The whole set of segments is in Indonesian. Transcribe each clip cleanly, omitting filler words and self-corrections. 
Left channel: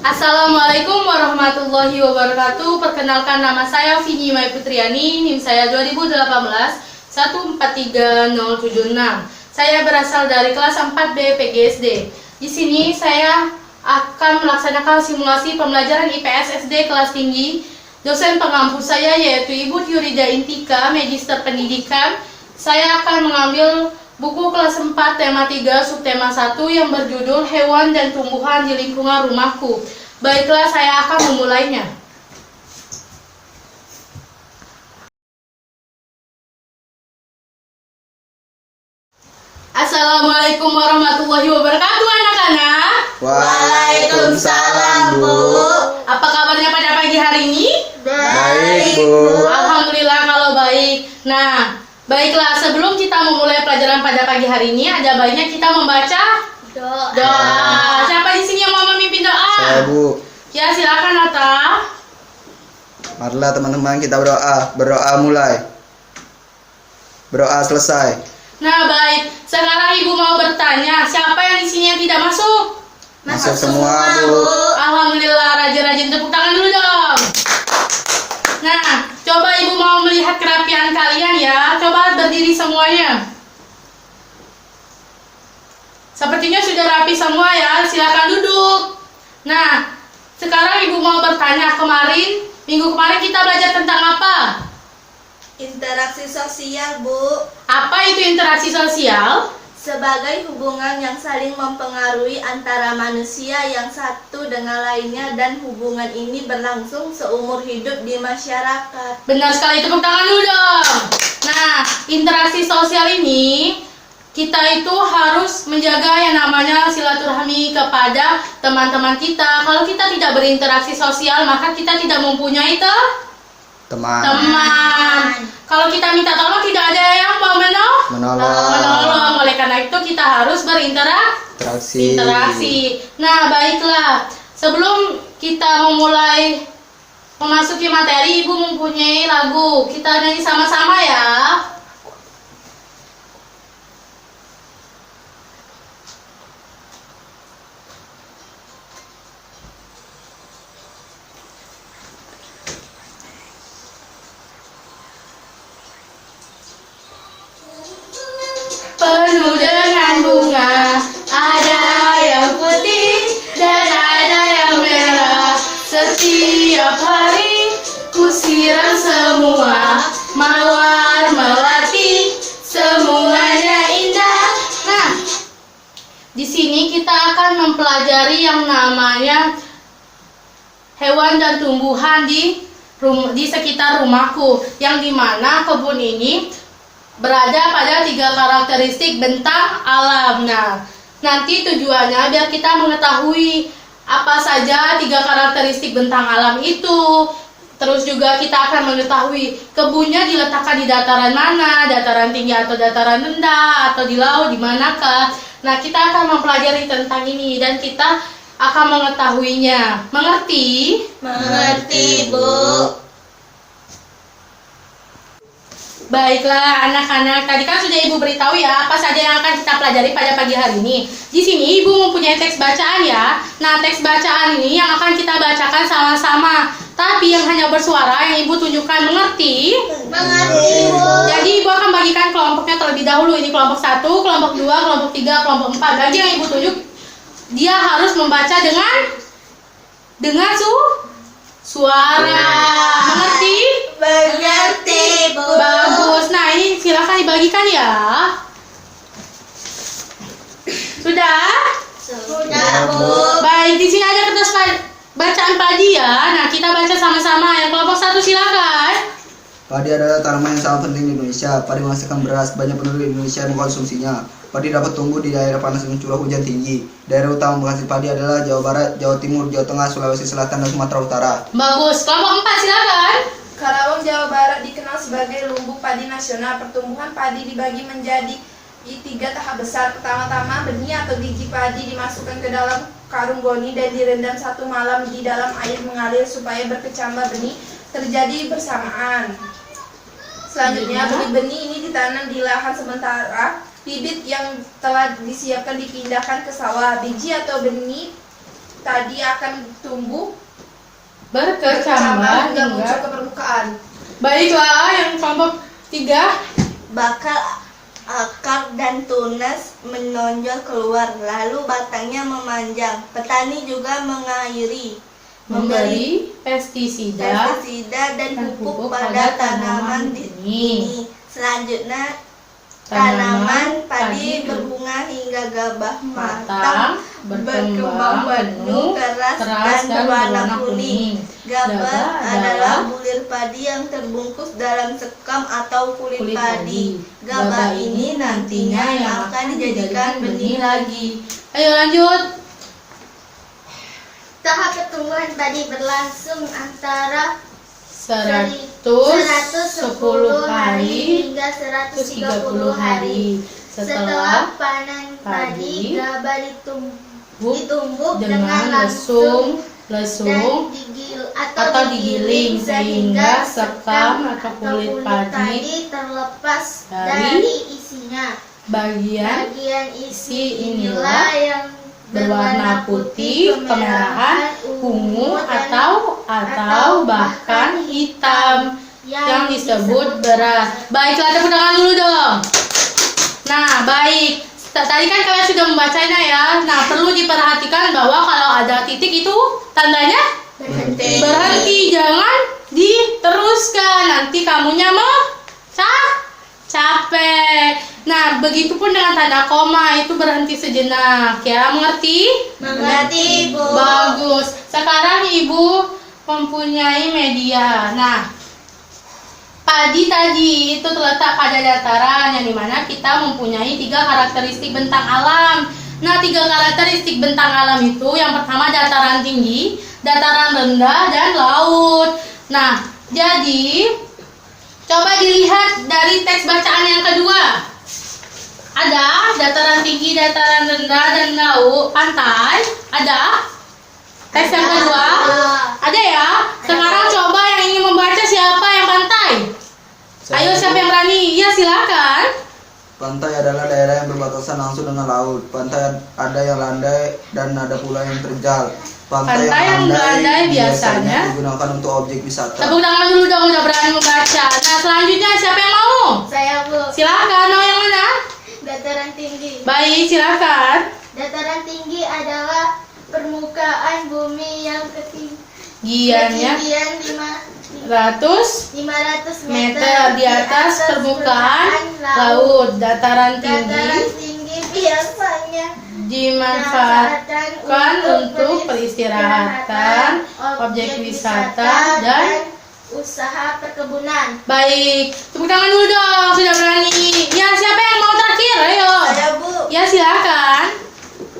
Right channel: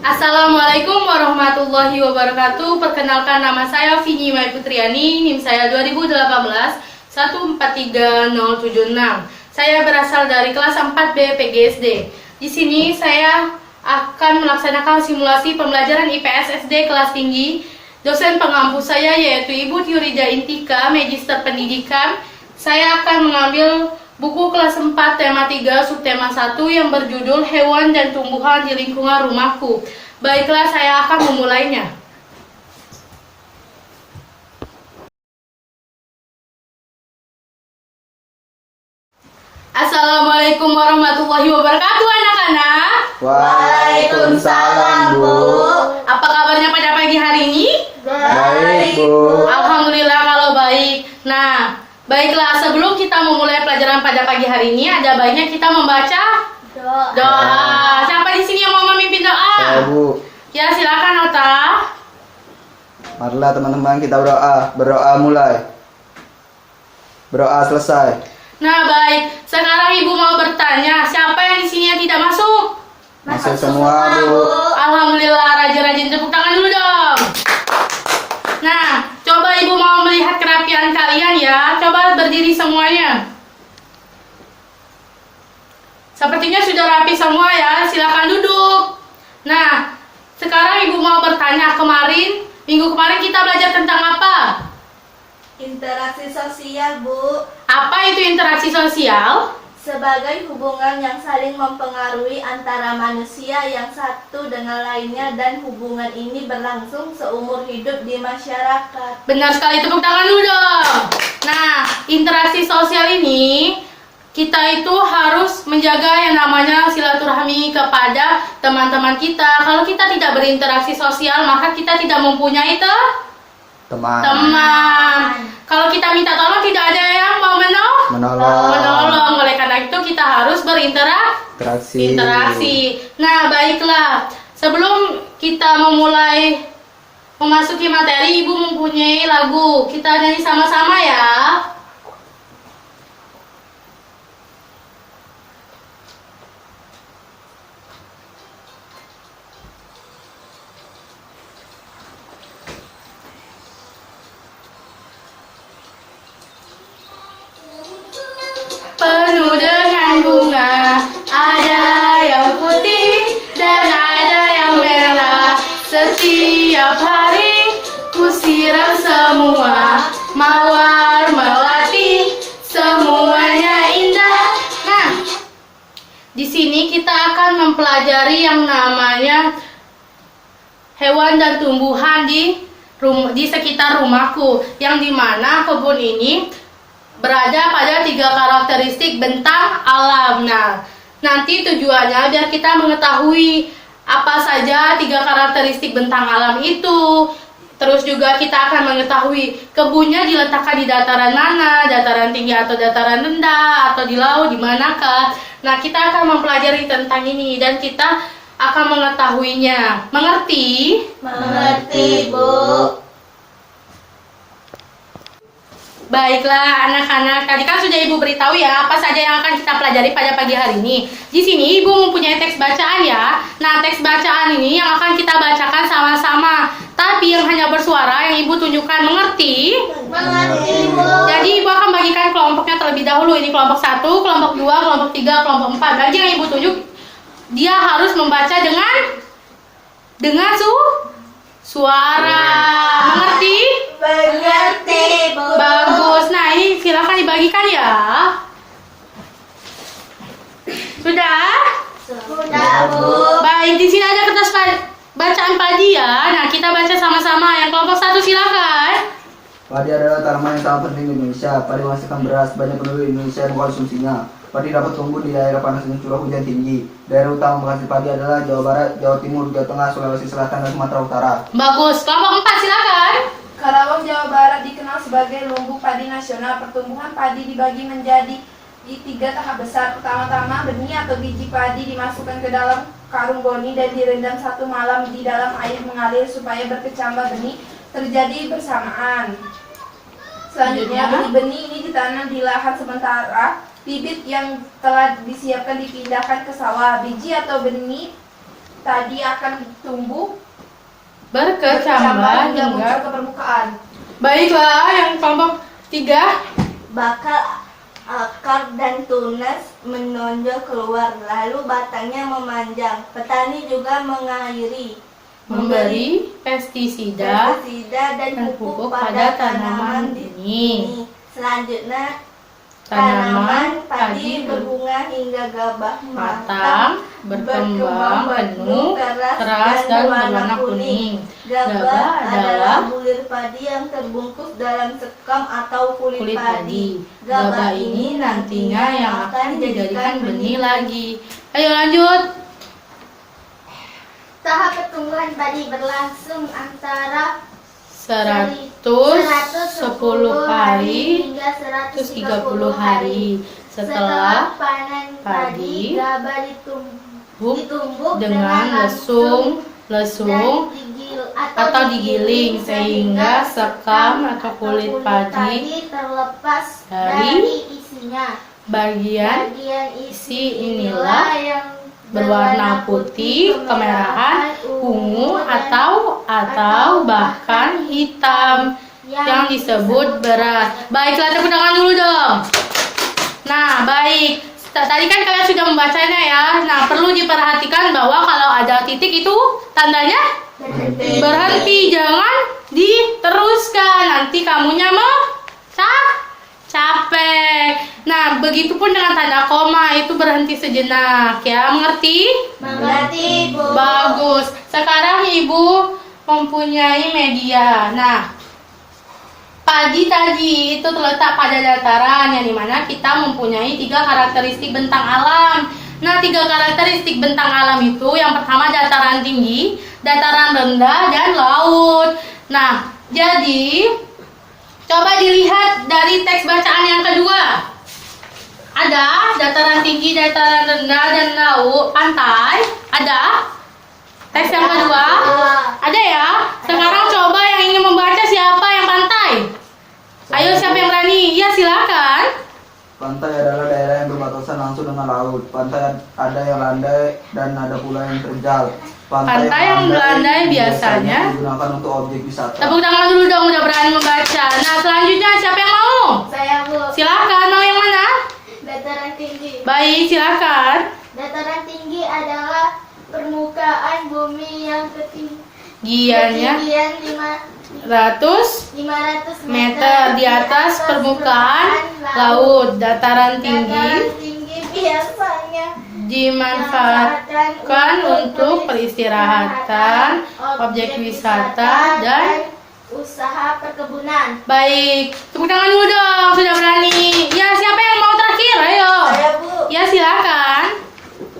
Assalamualaikum warahmatullahi wabarakatuh. Perkenalkan, nama saya Vini Mai Putriani, NIM saya 2018 143076. Saya berasal dari kelas 4B PGSD. Di sini saya akan melaksanakan simulasi pembelajaran IPS SD kelas tinggi. Dosen pengampu saya yaitu Ibu Yurida Intika, Magister Pendidikan. Saya akan mengambil buku kelas 4 tema 3 subtema 1 yang berjudul Hewan dan Tumbuhan di Lingkungan Rumahku. Baiklah, saya akan memulainya. Assalamualaikum warahmatullahi wabarakatuh, anak-anak. Waalaikumsalam, Bu. Apa kabarnya pada pagi hari ini? Baik, Bu. Alhamdulillah kalau baik. Nah, baiklah, sebelum kita memulai pelajaran pada pagi hari ini, ada baiknya kita membaca doa. Siapa di sini yang mau memimpin doa? Saya, Bu. Ya, silakan, Ota. Marilah teman-teman kita berdoa. Berdoa mulai. Berdoa selesai. Nah, baik. Sekarang Ibu mau bertanya, siapa yang di sini yang tidak masuk? Masuk semua, Bu. Alhamdulillah, rajin-rajin tepuk tangan dulu dong. Nah, coba Ibu mau melihat kerapian kalian ya. Coba berdiri semuanya. Sepertinya sudah rapi semua ya. Silakan duduk. Nah, sekarang Ibu mau bertanya, minggu kemarin kita belajar tentang apa? Interaksi sosial, Bu, Apa itu interaksi sosial? sebagai hubungan yang saling mempengaruhi antara manusia yang satu dengan lainnya dan hubungan ini berlangsung seumur hidup di masyarakat. Benar sekali, tepuk tangan dulu dong. Nah, interaksi sosial ini kita itu harus menjaga yang namanya silaturahmi kepada teman-teman kita. Kalau kita tidak berinteraksi sosial, maka kita tidak mempunyai teman. Kalau kita minta tolong, tidak ada yang mau menolong. Oleh karena itu kita harus berinteraksi. Nah, baiklah. Sebelum kita memasuki materi, Ibu mempunyai lagu. Kita nyanyi sama-sama ya. Penuh dengan bunga, ada yang putih dan ada yang merah. Setiap hari ku siram semua, mawar melati, semuanya indah. Nah, di sini kita akan mempelajari yang namanya hewan dan tumbuhan di sekitar rumahku, yang dimana kebun ini berada pada 3 karakteristik bentang alam. Nah, nanti tujuannya biar kita mengetahui apa saja 3 karakteristik bentang alam itu. Terus juga kita akan mengetahui kebunnya diletakkan di dataran mana, dataran tinggi atau dataran rendah, atau di laut, di manakah. Nah, kita akan mempelajari tentang ini dan kita akan mengetahuinya. Mengerti? Mengerti, Bu. Baiklah anak-anak, tadi kan sudah Ibu beritahu ya apa saja yang akan kita pelajari pada pagi hari ini. Di sini Ibu mempunyai teks bacaan ya. Nah, teks bacaan ini yang akan kita bacakan sama-sama. Tapi yang hanya bersuara yang Ibu tunjukkan, mengerti? Mengerti, Bu. Jadi Ibu akan bagikan kelompoknya terlebih dahulu. Ini kelompok 1, kelompok 2, kelompok 3, kelompok 4. Bagi yang Ibu tunjuk, dia harus membaca dengan suara. Mengerti? Mengerti, Bu. Bagus. Nah, ini silakan dibagikan ya. Sudah? Sudah, Bu. Baik, di sini ada kertas bacaan padi ya. Nah, kita baca sama-sama. Yang kelompok 1 silakan. Padi adalah tanaman yang sangat penting di Indonesia. Padi menghasilkan beras, banyak penduduk Indonesia yang mengkonsumsinya. Padi dapat tumbuh di daerah panas dan curah hujan tinggi. Daerah utama penghasil padi adalah Jawa Barat, Jawa Timur, Jawa Tengah, Sulawesi Selatan, dan Sumatera Utara. Bagus. Kelompok 4 silakan. Karawang, Jawa Barat dikenal sebagai lumbung padi nasional. Pertumbuhan padi dibagi menjadi 3 tahap besar. Pertama-tama, benih atau biji padi dimasukkan ke dalam karung goni dan direndam 1 malam di dalam air mengalir supaya berkecambah benih terjadi bersamaan. Selanjutnya, benih-benih ini ditanam di lahan sementara. Bibit yang telah disiapkan dipindahkan ke sawah. Biji atau benih tadi akan tumbuh berkecambah hingga muncul hingga. ke permukaan. Baiklah, yang kelompok 3. Bakal, akar dan tunas menonjol keluar, lalu batangnya memanjang. Petani juga mengairi, Memberi pestisida pestisida dan dan pupuk pupuk pada pada tanaman tanaman ini. Selanjutnya, Tanaman tanaman padi padi berbunga hingga gabah matang, berkembang penuh, keras dan berwarna kuning. Gabah adalah bulir padi yang terbungkus dalam sekam atau kulit Kulit padi. padi. Gabah ini nantinya yang akan dijadikan benih lagi. Ayo lanjut. Tahap pertumbuhan padi berlangsung antara 110 hari hingga 130 hari. Setelah Setelah panen padi, padi, gabah ditumbuk dengan langsung lesung atau digiling sehingga sekam atau kulit padi terlepas dari dari isinya. bagian Bagian isi inilah yang berwarna putih, kemerahan, ungu atau bahkan hitam yang disebut beras. Baiklah, tepuk tangan dulu dong. Nah, baik. Tadi kan kalian sudah membacanya ya. Nah, perlu diperhatikan bahwa kalau ada titik itu tandanya berhenti, jangan diteruskan. Nanti kamunya capek. Nah, begitupun dengan tanda koma, itu berhenti sejenak ya. Mengerti? Mengerti, Bu. Bagus. Sekarang Ibu mempunyai media. Nah, padi tadi itu terletak pada dataran yang dimana kita mempunyai 3 karakteristik bentang alam. Nah, 3 karakteristik bentang alam itu yang pertama dataran tinggi, dataran rendah, dan laut. Nah, jadi coba dilihat dari teks bacaan yang kedua. Ada dataran tinggi, dataran rendah, dan laut, pantai. Ada? Teks yang kedua? Ada ya? Sekarang coba yang ingin membaca siapa yang pantai? Ayo, siapa yang berani? Iya, silakan. Pantai adalah daerah yang berbatasan langsung dengan laut. Pantai ada yang landai dan ada pula yang terjal. Pantai yang landai biasanya digunakan untuk objek wisata. Tepuk tangan dulu dong, udah berani membaca. Nah, selanjutnya siapa yang mau? Saya, Bu. Silakan, mau yang mana? Dataran tinggi. Baik, silakan. Dataran tinggi adalah permukaan bumi yang Giannya ketinggian 100 500 meter di atas permukaan laut. Dataran Dataran tinggi tinggi biasanya dimanfaatkan untuk peristirahatan, objek wisata, dan usaha perkebunan. baik. Tepuk tangan dulu dong, sudah berani. Ya, siapa yang mau terakhir? Ayo. Saya, Bu. Ya, silakan.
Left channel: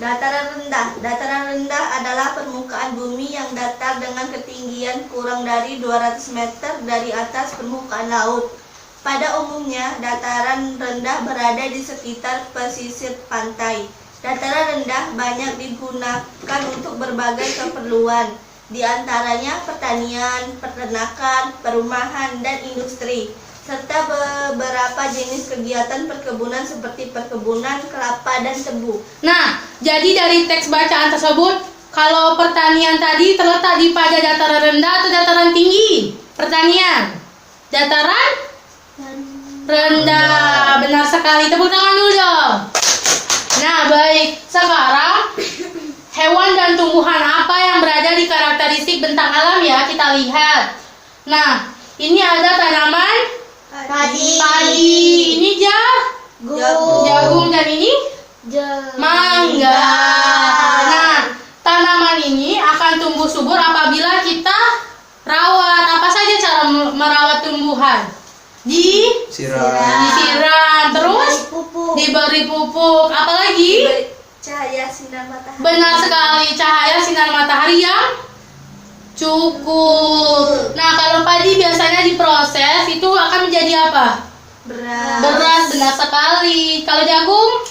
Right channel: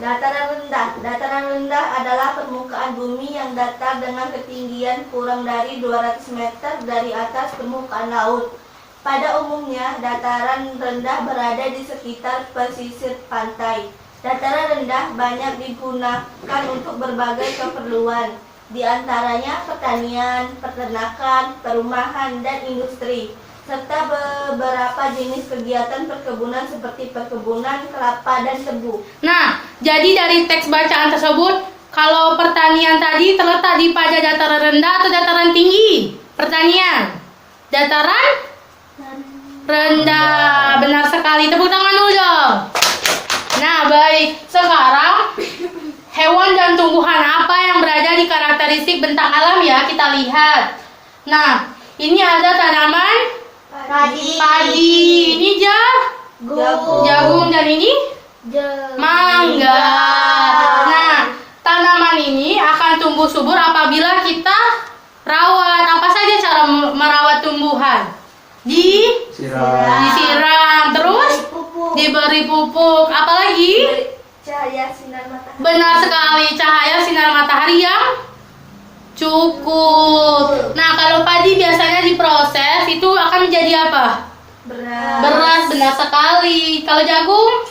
Dataran rendah. Dataran rendah adalah permukaan bumi yang datar dengan ketinggian kurang dari 200 meter dari atas permukaan laut. Pada umumnya, dataran rendah berada di sekitar pesisir pantai. Dataran rendah banyak digunakan untuk berbagai keperluan, di antaranya pertanian, peternakan, perumahan, dan industri, serta beberapa jenis kegiatan perkebunan seperti perkebunan kelapa dan tebu. Nah, jadi dari teks bacaan tersebut, kalau pertanian tadi terletak di pada dataran rendah atau dataran tinggi? Pertanian. Dataran rendah. Benar sekali. Tepuk tangan dulu dong. Nah, baik. Sekarang hewan dan tumbuhan apa yang berada di karakteristik bentang alam ya? Kita lihat. Nah, ini ada tanaman padi. Ini jagung dan ini mangga. Nah, tanaman ini akan tumbuh subur apabila kita rawat. Apa saja cara merawat tumbuhan? Disiram, terus diberi pupuk. Apalagi? Cahaya sinar matahari. Benar sekali, cahaya sinar matahari yang cukup. Nah, kalau padi biasanya diproses itu akan menjadi apa? Beras, benar sekali. Kalau jagung?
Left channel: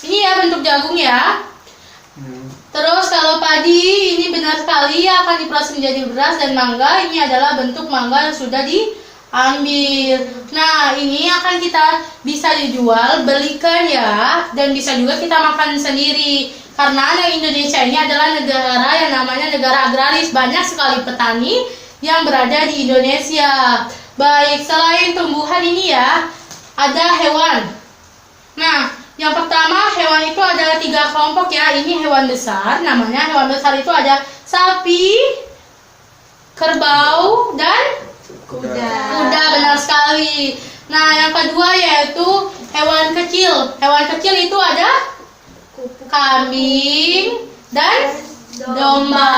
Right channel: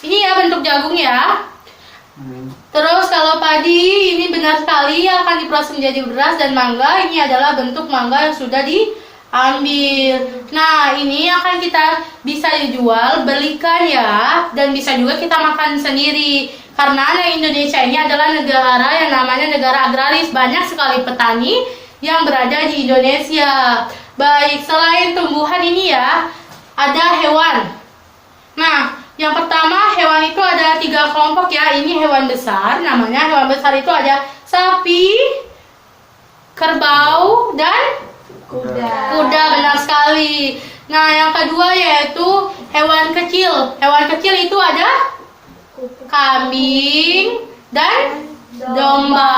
Ini ya bentuk jagung ya. Terus kalau padi ini benar sekali akan diproses menjadi beras, dan mangga ini adalah bentuk mangga yang sudah diambil. Nah, ini akan kita bisa dijual, belikan ya, dan bisa juga kita makan sendiri. Karena Indonesia ini adalah negara yang namanya negara agraris, banyak sekali petani yang berada di Indonesia. Baik, selain tumbuhan ini ya, ada hewan. Nah, yang pertama hewan itu ada 3 kelompok ya. Ini hewan besar, namanya hewan besar itu ada sapi, kerbau, dan kuda, benar sekali. Nah, yang kedua yaitu hewan kecil. Hewan kecil itu ada kambing dan domba.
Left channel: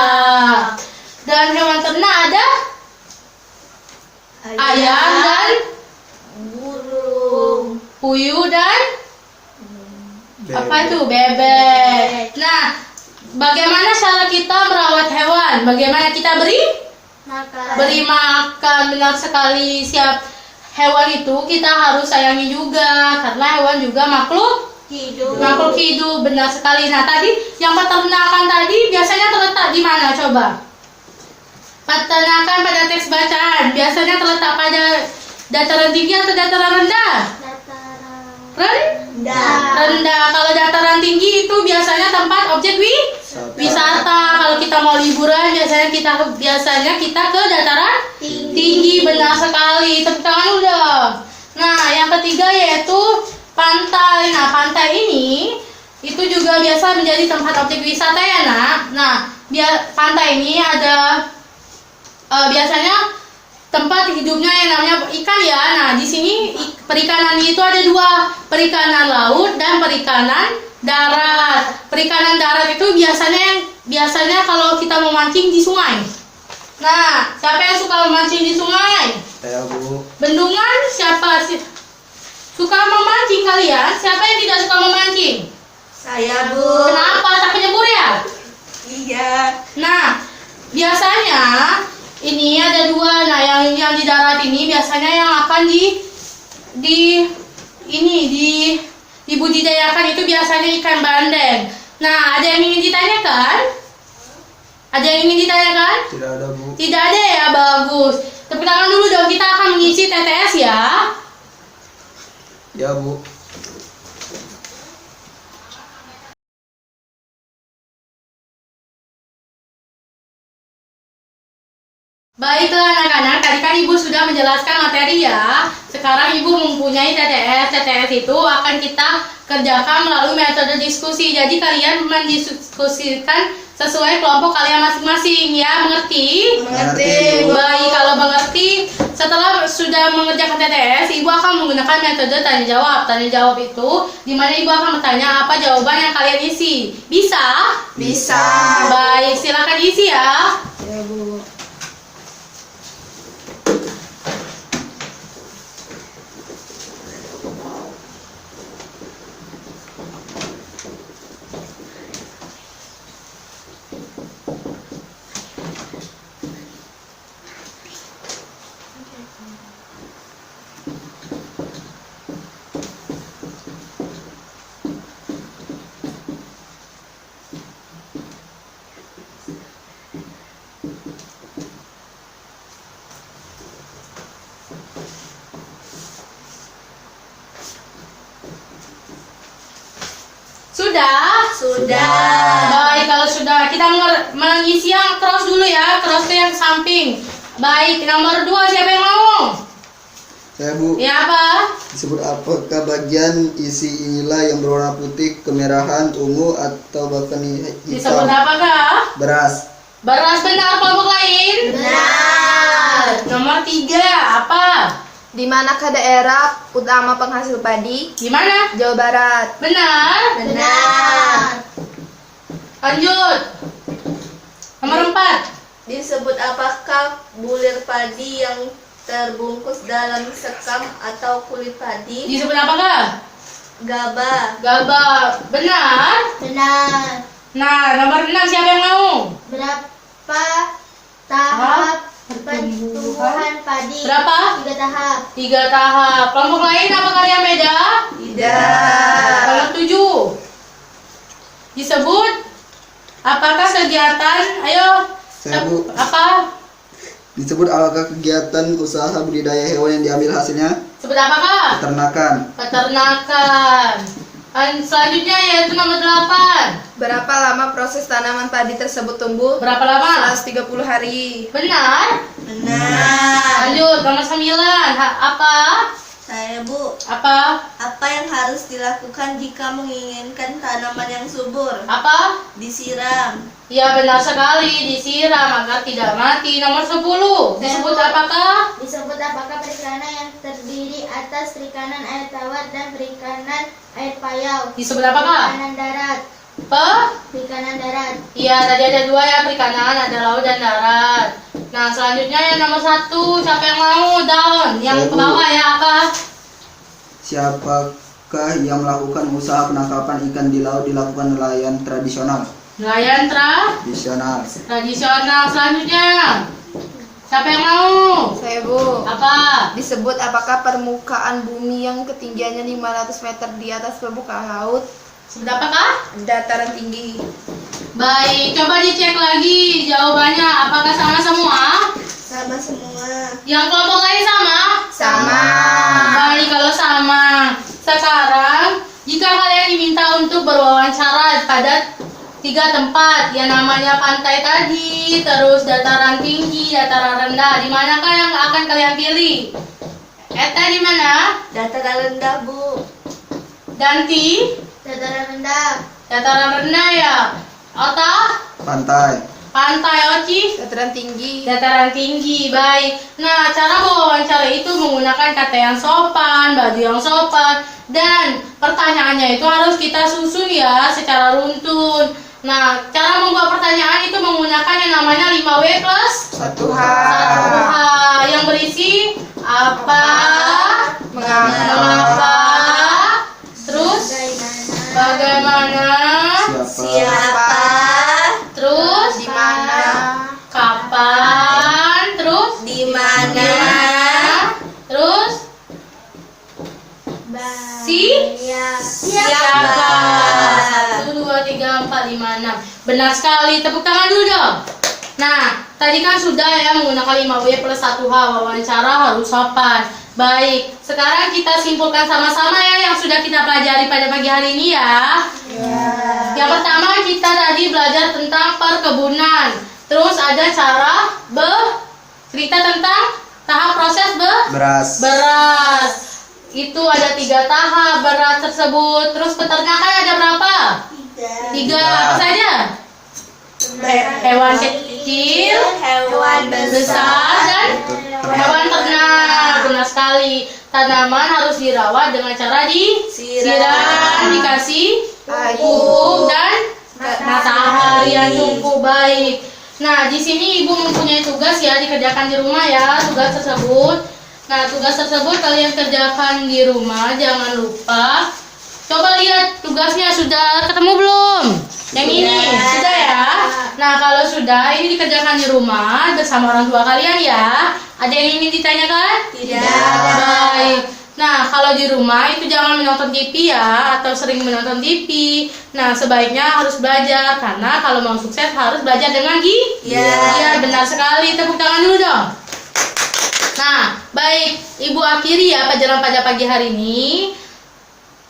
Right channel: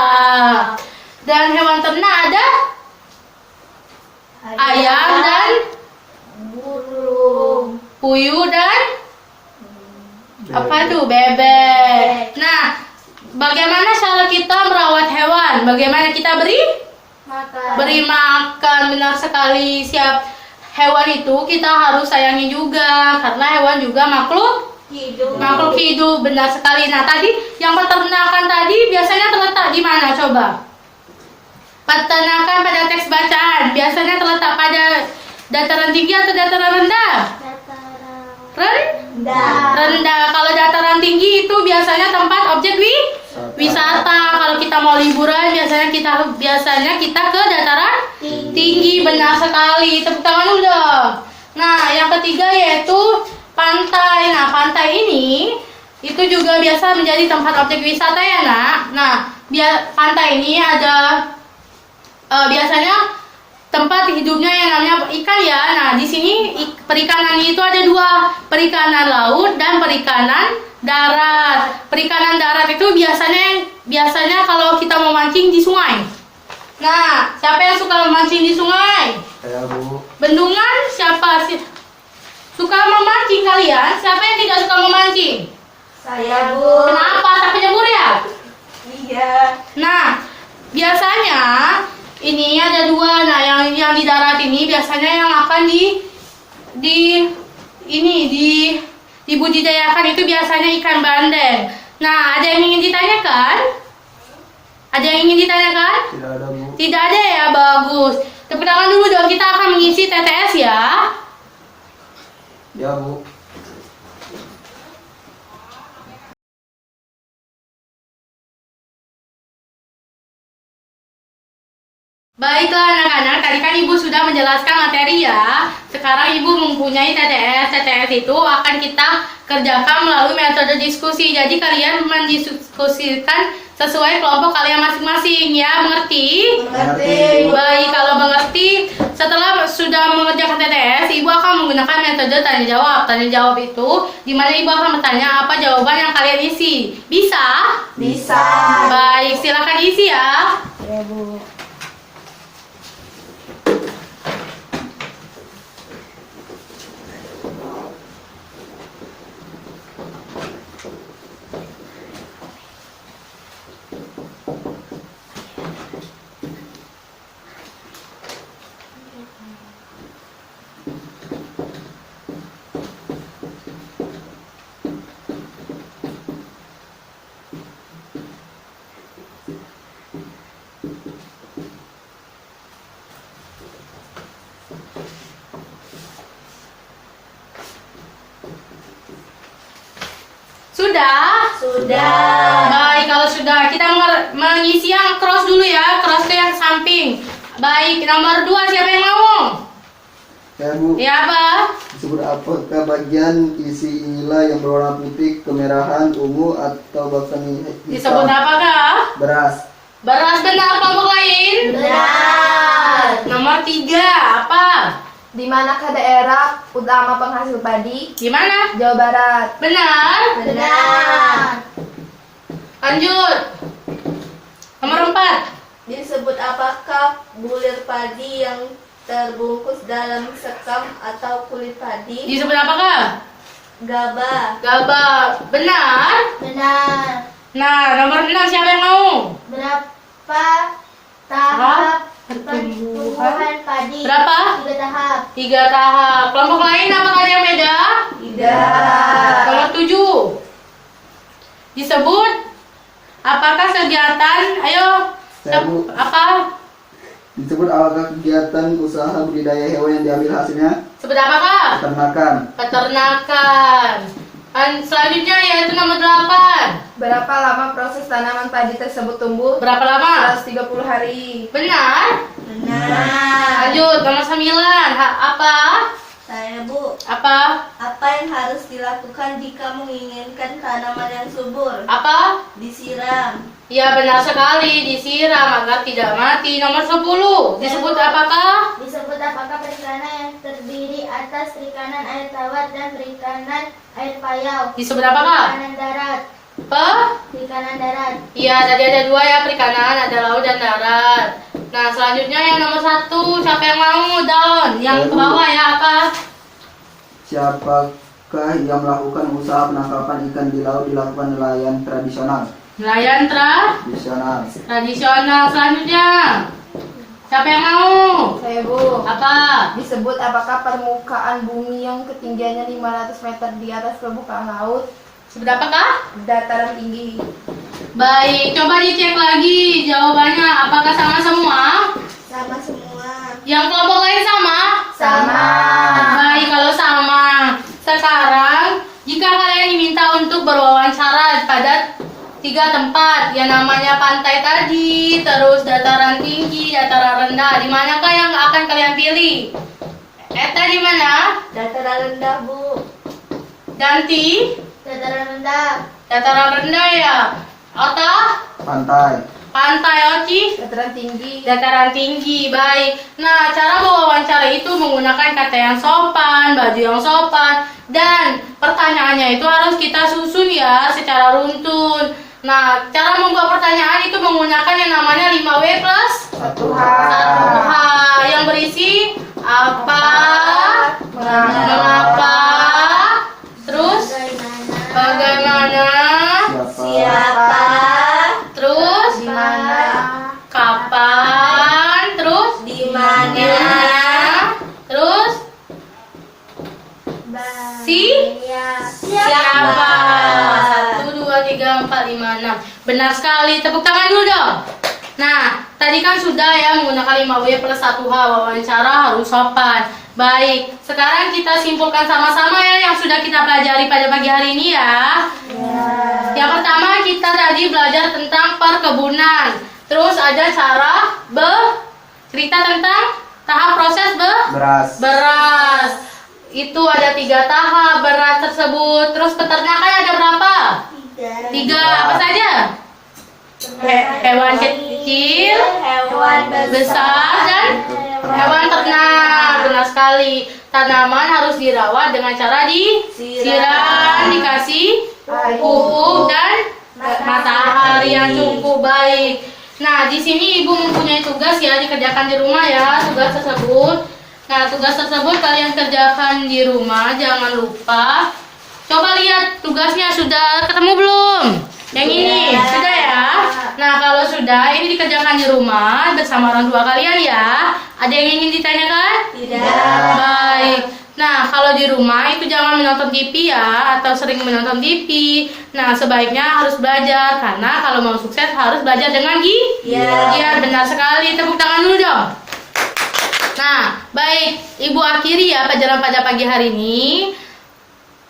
Dan hewan ternak ada ayam dan burung, puyuh dan apa tuh? Bebek. Nah, bagaimana cara kita merawat hewan? Bagaimana kita beri makan? Benar sekali. Siap hewan itu kita harus sayangi juga, karena hewan juga makhluk hidup. Benar sekali. Nah, tadi yang peternakan tadi biasanya terletak di mana coba? Peternakan pada teks bacaan biasanya terletak pada dataran tinggi atau dataran rendah? Rendah. Kalau dataran tinggi itu biasanya tempat objek wisata. Kalau kita mau liburan biasanya kita ke dataran tinggi. Benar sekali. Tepuk tangan dulu dong. Nah, yang ketiga yaitu pantai. Nah, pantai ini itu juga biasa menjadi tempat objek wisata ya, Nak. Nah, pantai ini ada biasanya tempat hidupnya yang namanya ikan ya. Nah, di sini perikanan itu ada 2, perikanan laut dan perikanan darat. Perikanan darat itu biasanya kalau kita mau mancing di sungai. Nah, siapa yang suka memancing di sungai? Saya, Bu. Bendungan siapa sih? Suka memancing kalian? Siapa yang tidak suka memancing? Saya, Bu. Kenapa? Takut nyebur ya? Iya. Nah, biasanya ini ada 2. Nah, yang di darat ini biasanya yang akan dibudidayakan itu biasanya ikan bandeng. Nah, ada yang ingin ditanyakan? Ada yang ingin ditanyakan? Tidak ada, Bu. Tidak ada ya, bagus. Tepuk tangan dulu dong, kita akan mengisi TTS ya. Ya, Bu. Baiklah anak-anak, tadi kan Ibu sudah menjelaskan materi ya. Sekarang Ibu mempunyai TTS. TTS itu akan kita kerjakan melalui metode diskusi. Jadi kalian mendiskusikan sesuai kelompok kalian masing-masing ya. Mengerti? Mengerti. Baik, kalau mengerti, setelah sudah mengerjakan TTS, Ibu akan menggunakan metode tanya jawab. Tanya jawab itu dimana Ibu akan bertanya apa jawaban yang kalian isi. Bisa? Bisa. Baik, silakan isi ya. Ya, Bu. Sudah? Sudah. Baik, kalau sudah kita mengisi yang cross dulu ya, cross yang samping. Baik, nomor 2 siapa yang mau? Saya, Bu. Ya apa? Disebut apakah bagian isi inilah yang berwarna putih, kemerahan, ungu, atau bahkan hitam? Disebut apakah? Beras. Beras. Benar. Kelompok lain? Benar. Nomor 3 apa? Di manakah daerah utama penghasil padi? Di mana? Jawa Barat. Benar. Benar. Lanjut. Nomor 4. Disebut apakah bulir padi yang terbungkus dalam sekam atau kulit padi? Disebut apakah? Gabah. Gabah. Benar. Benar. Nah, nomor 6 siapa yang mau? Berapa tahap Pertumbuhan. pertumbuhan padi? Berapa? 3 tahap. 3 tahap. Kelompok lain apakah ada yang beda? Tidak. Nomor 7. Disebut apakah kegiatan? Ayo. Saya, Bu. Apa? Disebut apakah kegiatan usaha budidaya hewan yang diambil hasilnya? Sebut apakah? Peternakan. Peternakan. Selanjutnya yaitu nomor 8. Berapa lama proses tanaman padi tersebut tumbuh? Berapa lama? 130 hari. Benar. Benar. Lanjut nomor 9. Apa? Saya Bu. Apa? Apa yang harus dilakukan jika menginginkan tanaman yang subur? Apa? Disiram. Ya benar sekali, disiram agar tidak mati. Nomor 10. Disebut apakah? Disebut apakah perikanan yang terdiri atas perikanan air tawar dan perikanan air payau? Disebut apakah? Perikanan darat. Perikanan darat. Iya, tadi ada 2 ya, perikanan, ada laut dan darat. Nah, selanjutnya yang nomor 1, siapa yang mau? Down. Yang ke bawah ya, apa? Siapakah yang melakukan usaha penangkapan ikan di laut dilakukan nelayan tradisional? Nelayan Tradisional. tradisional. Selanjutnya, siapa yang mau? Saya Bu. Apa? Disebut apakah permukaan bumi yang ketinggiannya 500 meter di atas permukaan laut? Sebut apakah? Dataran tinggi. Baik, coba dicek lagi jawabannya. Apakah sama semua? Sama semua. Yang kelompok lain sama? Sama. Baik, kalau sama. Sekarang, jika kalian diminta untuk berwawancara pada 3 tempat, yang namanya pantai tadi, terus dataran tinggi, dataran rendah, di manakah yang akan kalian pilih? Eta di mana? Dataran rendah Bu. Danti? Dataran rendah. Dataran rendah ya. Ota? Pantai. Pantai. Oci? Dataran tinggi. Dataran tinggi. Baik. Nah, cara berwawancara itu menggunakan kata yang sopan, baju yang sopan, dan pertanyaannya itu harus kita susun ya secara runtun. Nah, cara membuat pertanyaan itu menggunakan yang namanya 5W plus 1H. 1H yang berisi apa, mengapa, terus bagaimana, Siapa? terus Di mana? kapan, terus Di mana? di mana, terus siapa. 1, 2, 3, 4, 5, 6. Benar sekali, tepuk tangan dulu dong. Nah, tadi kan sudah ya menggunakan 5W plus 1H, wawancara harus sopan. Baik, sekarang kita simpulkan sama-sama ya yang sudah kita pelajari pada pagi hari ini ya. Yang pertama kita tadi belajar tentang perkebunan. Terus ada cara cerita tentang tahap proses beras. Itu ada 3 tahap beras tersebut. Terus peternakan ada berapa? 3. Apa saja? Hewan kecil, Hewan besar, dan hewan ternak. Benar sekali. Tanaman harus dirawat dengan cara disiram, dikasih pupuk dan matahari yang cukup baik. Nah, di sini Ibu mempunyai tugas ya, dikerjakan di rumah ya, tugas tersebut. Nah, tugas tersebut kalian kerjakan di rumah, jangan lupa. Coba lihat tugasnya sudah ketemu belum? Yang ini sudah ya. Nah, kalau sudah ini dikerjakan di rumah bersama orang tua kalian ya. Ada yang ingin ditanyakan? Tidak. Baik. Nah, kalau di rumah itu jangan menonton TV ya, atau sering menonton TV. Nah, sebaiknya harus belajar karena kalau mau sukses harus belajar dengan Iya, benar sekali. Tepuk tangan dulu dong. Nah, baik, Ibu akhiri ya pelajaran pada pagi hari ini.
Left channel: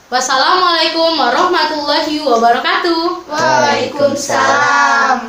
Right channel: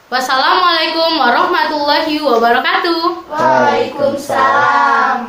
Wassalamualaikum warahmatullahi wabarakatuh. Waalaikumsalam.